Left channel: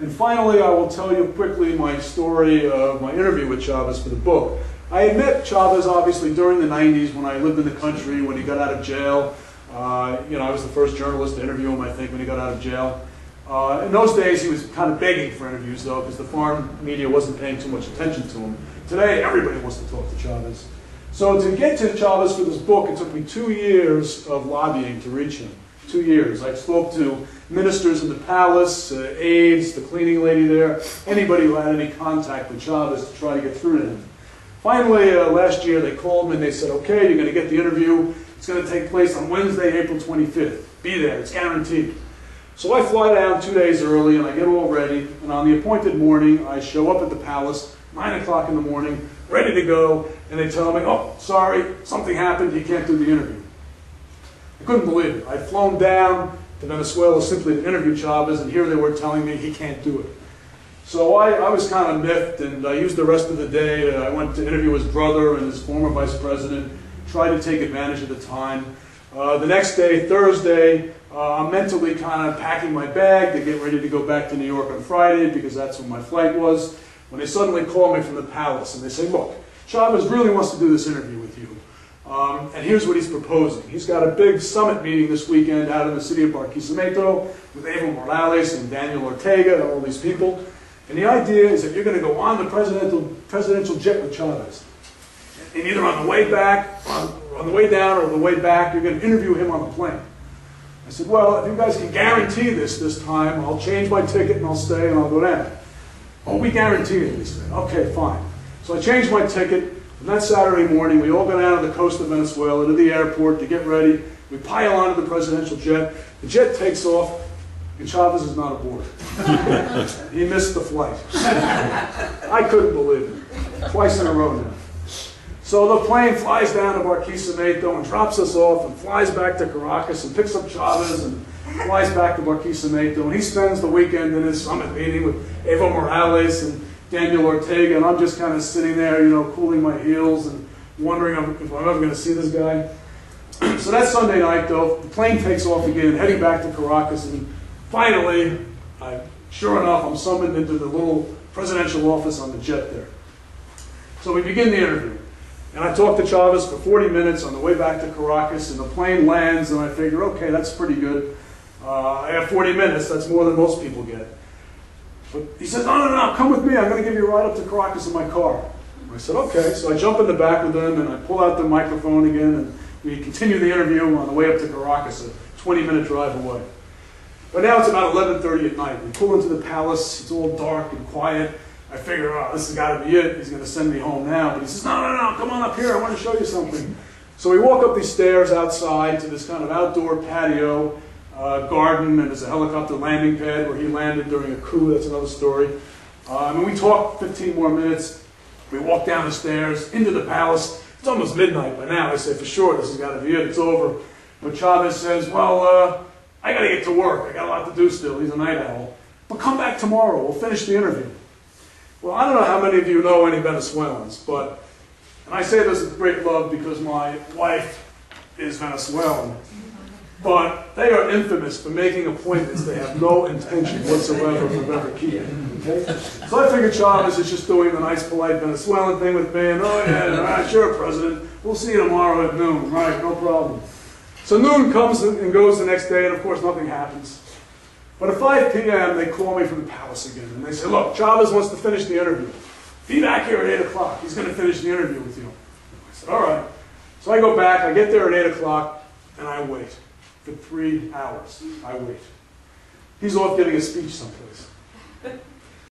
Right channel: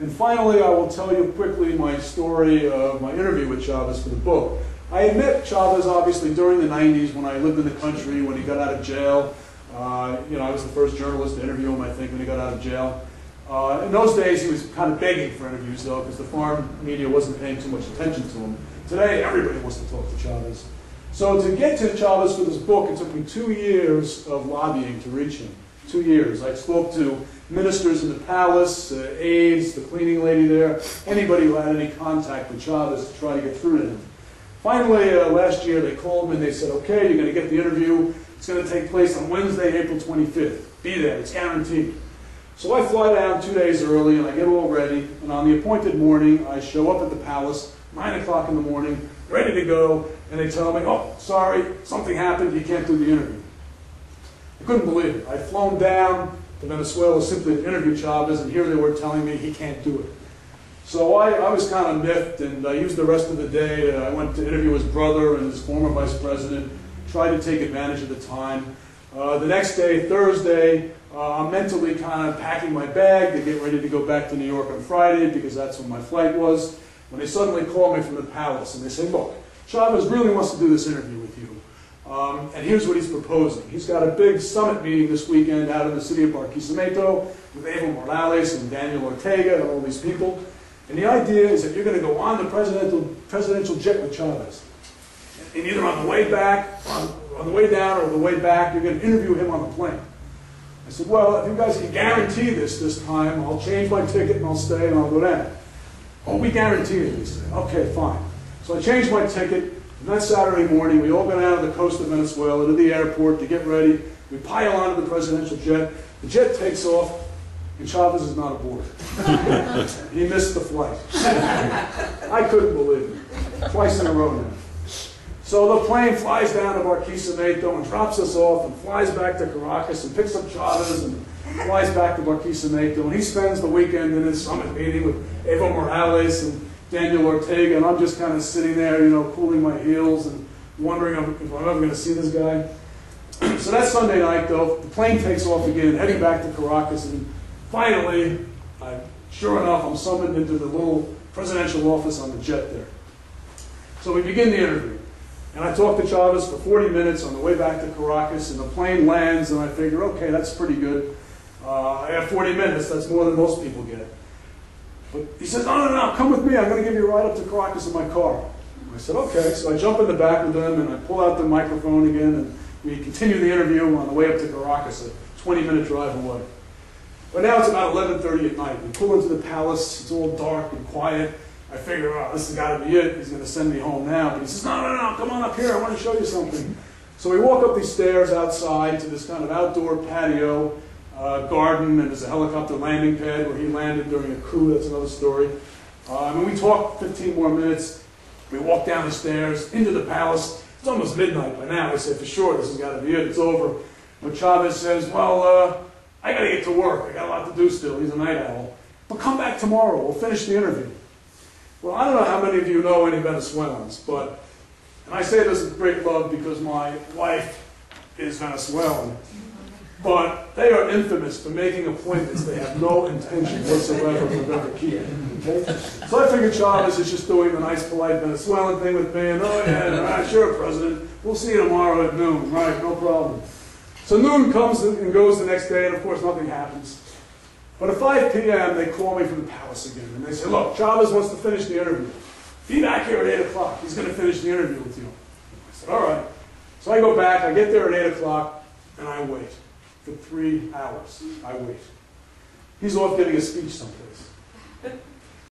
And finally, I will tell you quickly my story of my interview with Chavez for the book. I had met Chavez, obviously, during the 90s when I lived in the country, when he got out of jail. I was the first journalist to interview him, I think, when he got out of jail. In those days, he was kind of begging for interviews, though, because the foreign media wasn't paying too much attention to him. Today, everybody wants to talk to Chavez. So to get to Chavez for this book, it took me 2 years of lobbying to reach him. 2 years. I spoke to ministers in the palace, aides, the cleaning lady there, anybody who had any contact with Chavez to try to get through to him. Finally, last year, they called me and they said, okay, you're going to get the interview. It's going to take place on Wednesday, April 25th. Be there. It's guaranteed. So I fly down 2 days early and I get all ready. And on the appointed morning, I show up at the palace, 9 o'clock in the morning, ready to go. And they tell me, oh, sorry, something happened. You can't do the interview. I couldn't believe it. I'd flown down to Venezuela simply to interview Chavez, and here they were telling me he can't do it. So I was kind of miffed, and I used the rest of the day. I went to interview his brother and his former vice president, tried to take advantage of the time. The next day, Thursday, I'm mentally kind of packing my bag to get ready to go back to New York on Friday, because that's when my flight was, when they suddenly call me from the palace, and they say, look, Chavez really wants to do this interview with you. And here's what he's proposing. He's got a big summit meeting this weekend out in the city of Barquisimeto with Evo Morales and Daniel Ortega and all these people. And the idea is that you're going to go on the presidential jet with Chavez. And either on the way back, on the way down, or the way back, you're going to interview him on the plane. I said, well, if you guys can guarantee this time, I'll change my ticket and I'll stay and I'll go down. Oh, we guarantee it, they said. Okay, fine. So I changed my ticket. And that Saturday morning, we all go down to the coast of Venezuela to the airport to get ready. We pile onto the presidential jet. The jet takes off, and Chavez is not aboard. He missed the flight. I couldn't believe it. Twice in a row now. So the plane flies down to Barquisimeto and drops us off and flies back to Caracas and picks up Chavez and flies back to Barquisimeto. And he spends the weekend in his summit meeting with Evo Morales and Daniel Ortega, and I'm just kind of sitting there, cooling my heels and wondering if I'm ever going to see this guy. So that Sunday night, though, the plane takes off again, heading back to Caracas, and finally, sure enough, I'm summoned into the little presidential office on the jet there. So we begin the interview, and I talk to Chavez for 40 minutes on the way back to Caracas, and the plane lands, and I figure, okay, that's pretty good. I have 40 minutes, that's more than most people get. But he says, no, come with me. I'm going to give you a ride up to Caracas in my car. I said, okay. So I jump in the back with him, and I pull out the microphone again, and we continue the interview on the way up to Caracas, a 20-minute drive away. But now it's about 11:30 at night. We pull into the palace. It's all dark and quiet. I figure, oh, this has got to be it. He's going to send me home now. But he says, no, come on up here. I want to show you something. So we walk up these stairs outside to this kind of outdoor patio, garden, and there's a helicopter landing pad where he landed during a coup. That's another story. And we talk 15 more minutes. We walk down the stairs into the palace. It's almost midnight by now. I say, for sure, this has got to be it. It's over. But Chavez says, well, I got to get to work. I got a lot to do still. He's a night owl. But come back tomorrow. We'll finish the interview. Well, I don't know how many of you know any Venezuelans, but, and I say this with great love because my wife is Venezuelan, but they are infamous for making appointments they have no intention whatsoever of ever keeping. Okay? So I figured Chavez is just doing the nice, polite Venezuelan thing with me, and oh yeah, sure, President, we'll see you tomorrow at noon. Right, no problem. So noon comes and goes the next day, and of course nothing happens. But at 5 p.m., they call me from the palace again, and they say, look, Chavez wants to finish the interview. Be back here at 8 o'clock. He's going to finish the interview with you. I said, all right. So I go back, I get there at 8 o'clock, and I wait. For 3 hours, I wait. He's off giving a speech someplace.